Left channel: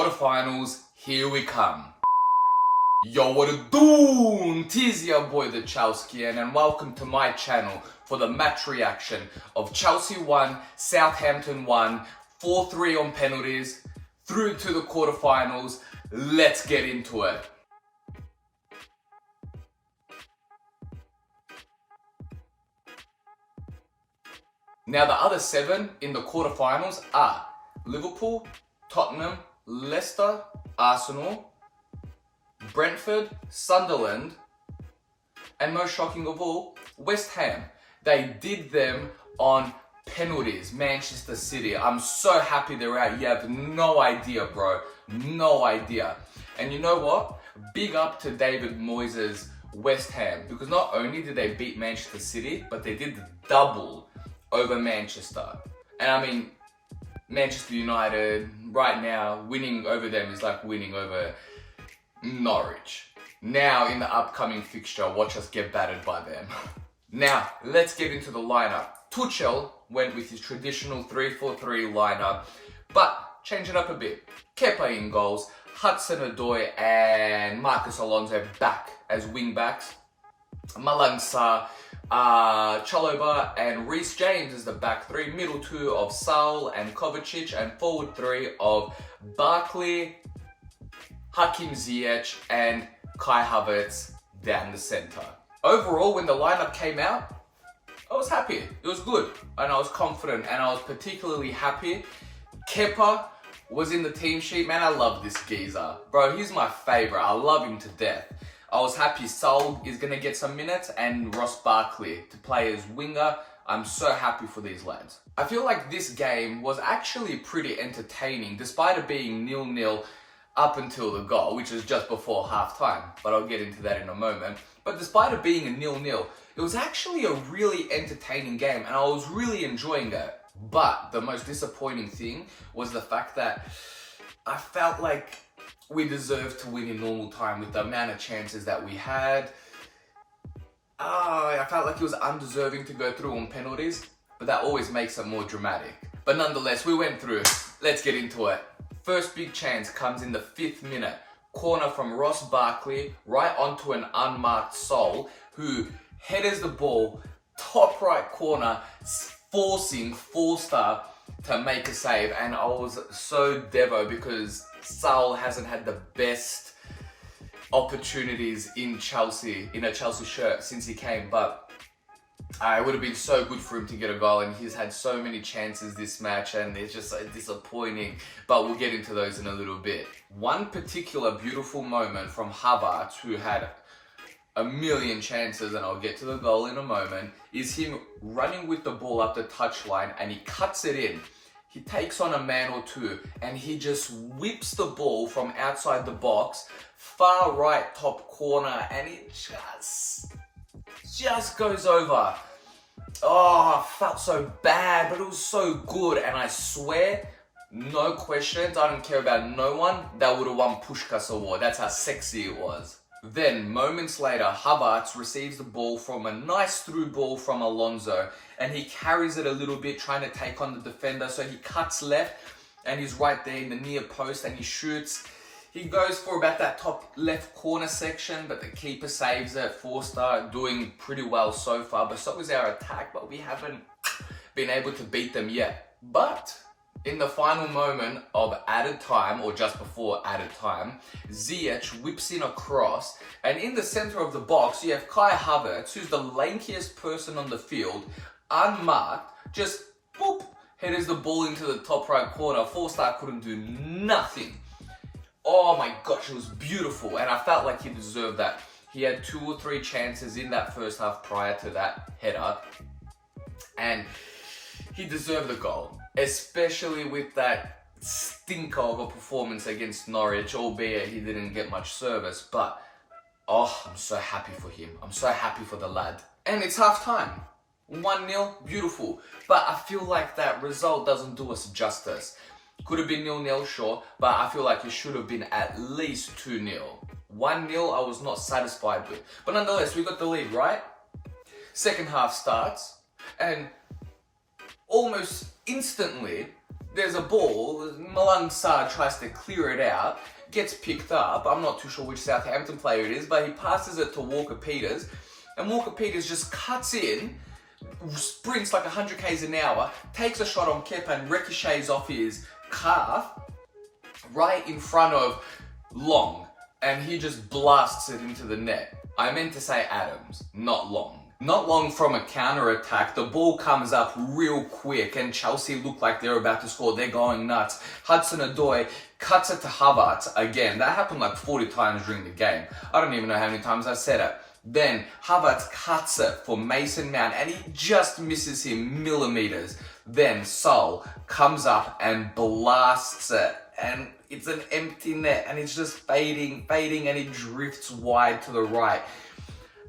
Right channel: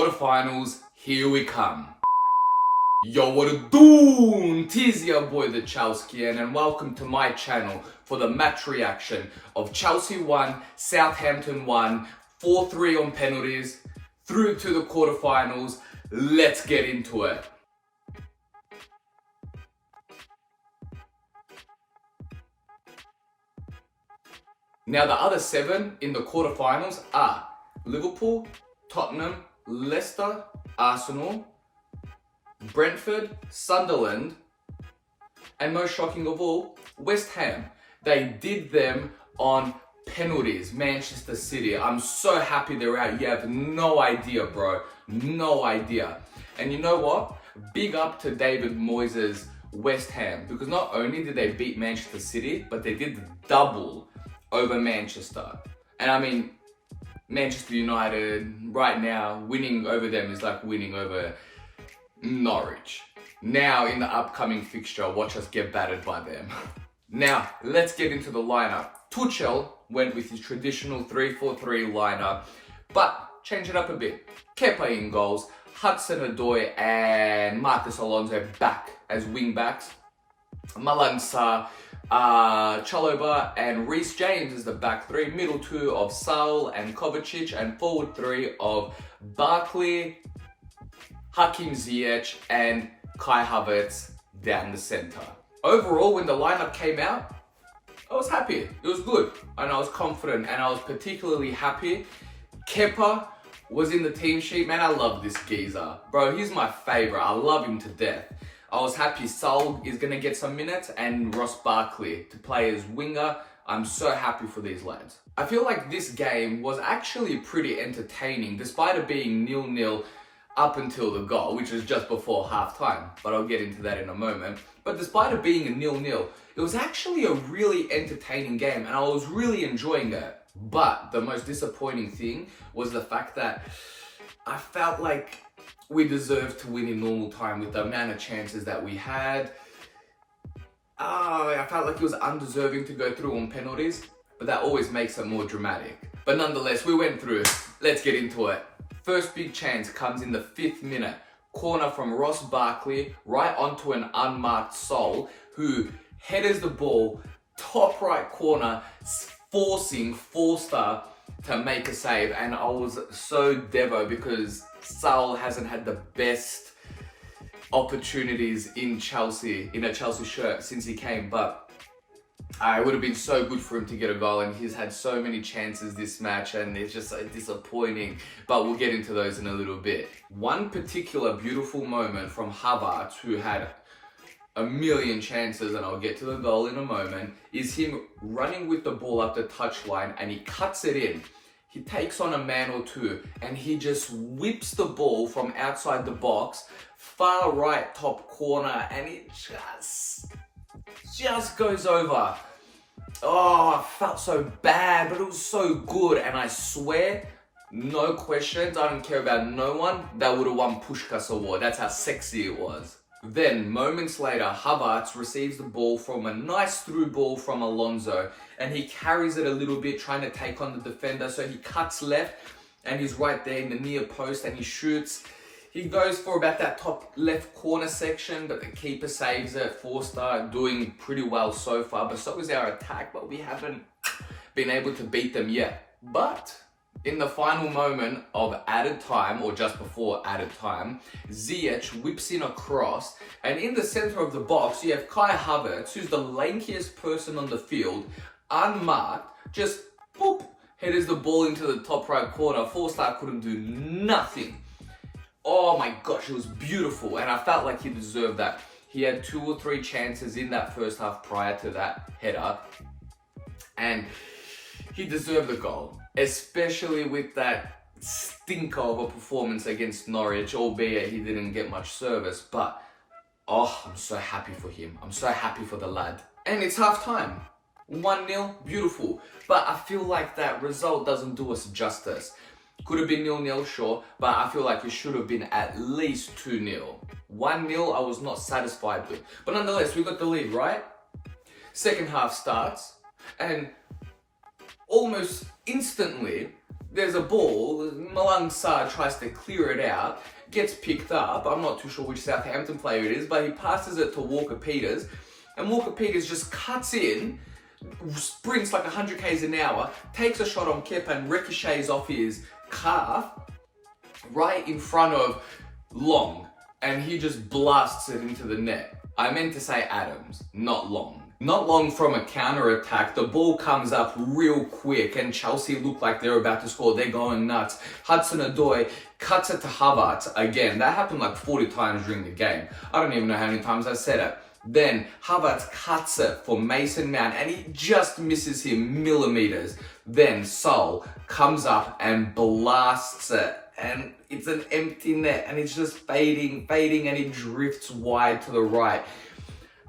Quarterfinals, here we come. Yo, what it do? Tis your boy the Chelskian, and welcome to my channel for the match reaction of Chelsea 1, Southampton 1, 4-3 on penalties, through to the quarterfinals. Let's get into it. Now the other 7 in the quarterfinals are Liverpool, Tottenham, Leicester, Arsenal, Brentford, Sunderland, and most shocking of all, West Ham. They did them on penalties, Manchester City. I'm so happy they're out. You have no idea, bro. No idea. And you know what? Big up to David Moyes' West Ham, because not only did they beat Manchester City, but they did the double over Manchester. And I mean, Manchester United right now, winning over them is like winning over Norwich. Now in the upcoming fixture, watch us get battered by them. Now, let's get into the lineup. Tuchel went with his traditional 3-4-3 lineup, but change it up a bit. Kepa in goals, Hudson-Odoi and Marcus Alonso back as wing backs. Malang Sarr, Chalobah and Reece James is the back 3, middle 2 of Saul and Kovacic, and forward 3 of Barkley, Hakim Ziyech and Kai Havertz down the centre. Overall, when the lineup came out, I was happy. It was good and I was confident, and I was particularly happy Kepa was in the team sheet. Man, I love this geezer. Bro, he's my favourite. I love him to death. I was happy Saul is going to get some minutes and Ross Barkley to play as winger. I'm so happy for these lads. I feel like this game was actually pretty entertaining despite it being 0-0 up until the goal, which was just before half-time, but I'll get into that in a moment. But despite it being a 0-0, it was actually a really entertaining game and I was really enjoying it. But the most disappointing thing was the fact that I felt like we deserved to win in normal time with the amount of chances that we had. I felt like it was undeserving to go through on penalties, but that always makes it more dramatic. But nonetheless, we went through. Let's get into it. First big chance comes in the 5th minute. Corner from Ross Barkley right onto an unmarked Saul, who headers the ball top right corner, forcing Forster to make a save. And I was so devo because Saul hasn't had the best opportunities in Chelsea, in a Chelsea shirt since he came, but it would have been so good for him to get a goal, and he's had so many chances this match and it's just so disappointing, but we'll get into those in a little bit. One particular beautiful moment from Havertz, who had a million chances, and I'll get to the goal in a moment, is him running with the ball up the touchline and he cuts it in. He takes on a man or two and he just whips the ball from outside the box, far right top corner, and it just goes over. Oh, I felt so bad, but it was so good, and I swear, no questions, I don't care about no one, that would have won Puskás Award. That's how sexy it was. Then, moments later, Havertz receives the ball from a nice through ball from Alonso, and he carries it a little bit, trying to take on the defender, so he cuts left, and he's right there in the near post, and he shoots. He goes for about that top left corner section, but the keeper saves it. Forster doing pretty well so far, but so is our attack, but we haven't been able to beat them yet. But in the final moment of added time, or just before added time, Ziyech whips in a cross, and in the center of the box, you have Kai Havertz, who's the lankiest person on the field, unmarked, just boop, headers the ball into the top right corner. Forster couldn't do nothing. Oh my gosh, it was beautiful, and I felt like he deserved that. He had 2 or 3 chances in that first half prior to that header, and he deserved the goal, especially with that stinker of a performance against Norwich, albeit he didn't get much service. But oh, I'm so happy for him. I'm so happy for the lad. And it's half time. 1-0, beautiful. But I feel like that result doesn't do us justice. Could have been 0-0, sure, but I feel like it should have been at least 2-0. 1-0, I was not satisfied with. But nonetheless, we got the lead, right? Second half starts, and almost instantly, there's a ball, Malang Sarr tries to clear it out, gets picked up, I'm not too sure which Southampton player it is, but he passes it to Walker Peters, and Walker Peters just cuts in, sprints like 100 k's an hour, takes a shot on Kepa and ricochets off his calf, right in front of Long, and he just blasts it into the net. I meant to say Adams, not Long. Not long from a counter-attack, the ball comes up real quick and Chelsea look like they're about to score. They're going nuts. Hudson-Odoi cuts it to Havertz again. That happened like 40 times during the game. I don't even know how many times I said it. Then Havertz cuts it for Mason Mount and he just misses him millimeters. Then Sol comes up and blasts it. And it's an empty net and it's just fading and it drifts wide to the right.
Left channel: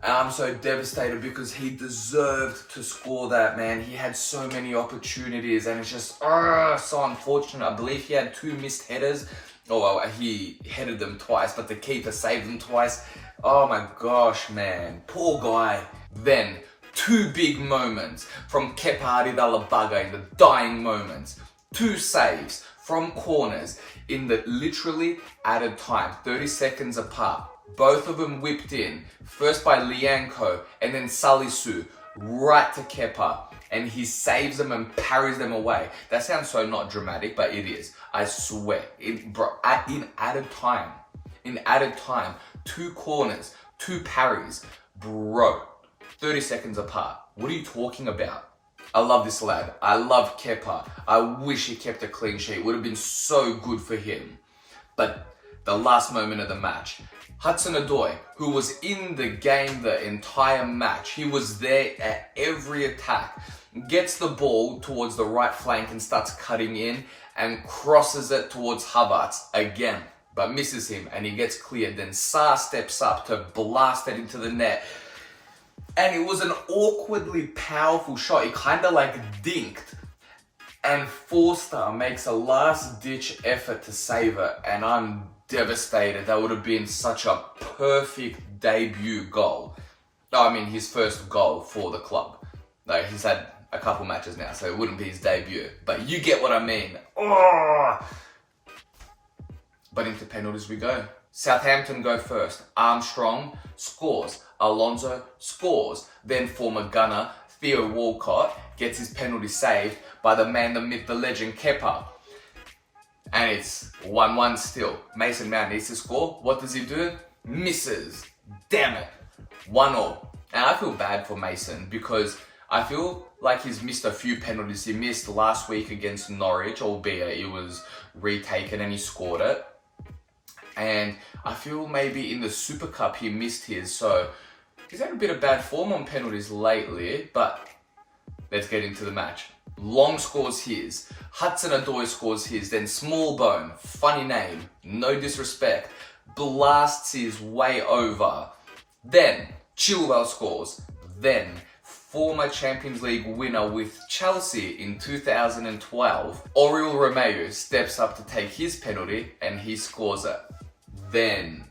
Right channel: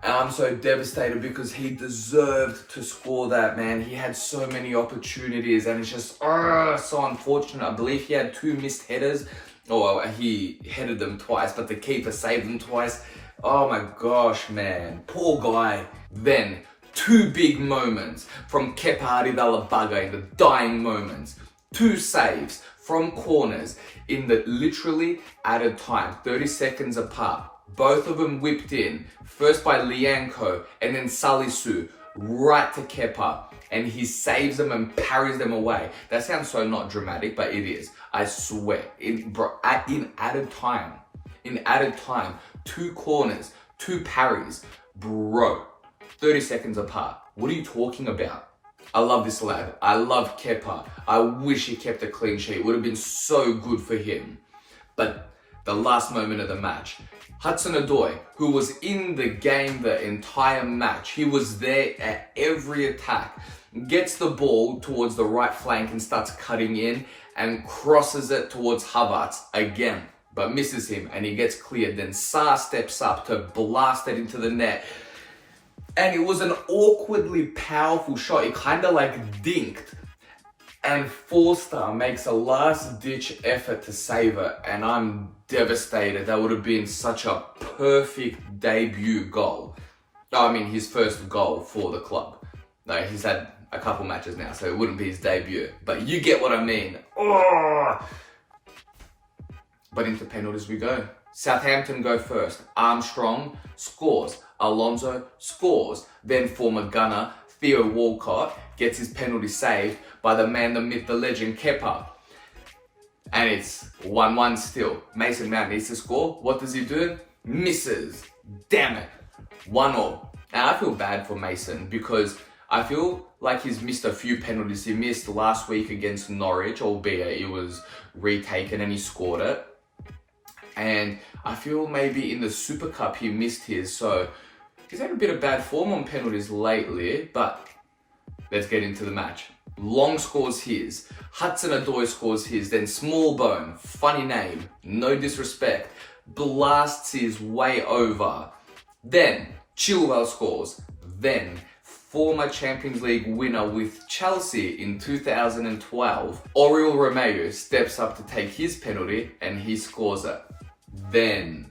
And I'm so devastated because he deserved to score that, man. He had so many opportunities and it's just so unfortunate. I believe he had 2 missed headers. Oh, well, he headed them twice, but the keeper saved them twice. Oh my gosh, man. Poor guy. Then, 2 big moments from Kepa Arrizabalaga in the dying moments. 2 saves from corners in the literally added time, 30 seconds apart. Both of them whipped in, first by Lianco and then Salisu, right to Kepa. And he saves them and parries them away. That sounds so not dramatic, but it is. I swear. In added time, 2 corners, 2 parries. Bro, 30 seconds apart. What are you talking about? I love this lad. I love Kepa. I wish he kept a clean sheet. It would have been so good for him. But the last moment of the match, Hudson-Odoi, who was in the game the entire match, he was there at every attack, gets the ball towards the right flank and starts cutting in and crosses it towards Havertz again, but misses him and he gets cleared. Then Sarr steps up to blast it into the net. And it was an awkwardly powerful shot. It kind of like dinked. And Forster makes a last-ditch effort to save it. And I'm devastated. That would have been such a perfect debut goal. Oh, I mean, his first goal for the club. No, he's had a couple matches now, so it wouldn't be his debut. But you get what I mean. Oh! But into penalties we go. Southampton go first. Armstrong scores. Alonso scores. Then former gunner Theo Walcott gets his penalty saved by the man, the myth, the legend, Kepa. And it's 1-1 still. Mason Mount needs to score. What does he do? Misses. Damn it. 1-1. And I feel bad for Mason because I feel like he's missed a few penalties. He missed last week against Norwich, albeit it was retaken and he scored it. And I feel maybe in the Super Cup he missed his, so he's had a bit of bad form on penalties lately, but let's get into the match. Long scores his, Hudson-Odoi scores his, then Smallbone, funny name, no disrespect, blasts his way over. Then Chilwell scores, then former Champions League winner with Chelsea in 2012, Oriol Romeu steps up to take his penalty and he scores it. Then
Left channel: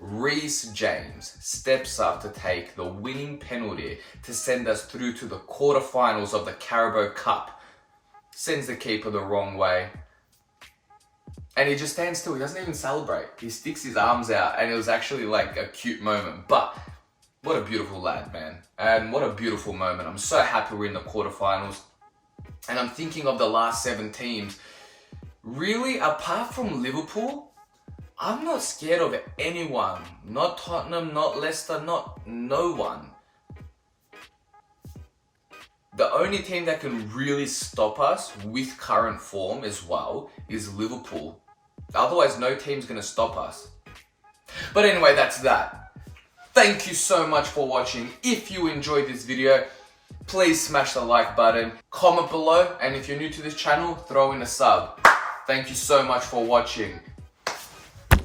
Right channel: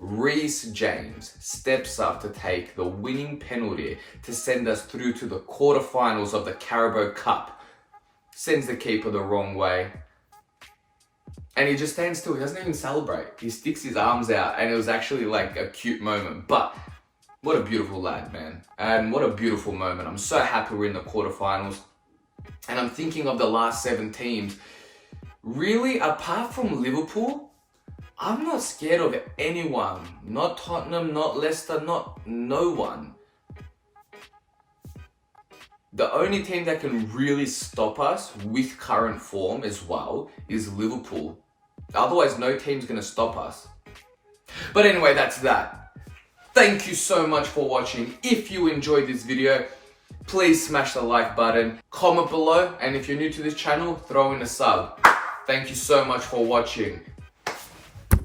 Reece James steps up to take the winning penalty to send us through to the quarterfinals of the Carabao Cup. Sends the keeper the wrong way. And he just stands still, he doesn't even celebrate. He sticks his arms out and it was actually like a cute moment. But what a beautiful lad, man. And what a beautiful moment. I'm so happy we're in the quarterfinals. And I'm thinking of the last 7 teams. Really, apart from Liverpool, I'm not scared of anyone. Not Tottenham, not Leicester, not no one. The only team that can really stop us with current form as well is Liverpool. Otherwise, no team's going to stop us. But anyway, that's that. Thank you so much for watching. If you enjoyed this video, please smash the like button, comment below, and if you're new to this channel, throw in a sub. Thank you so much for watching.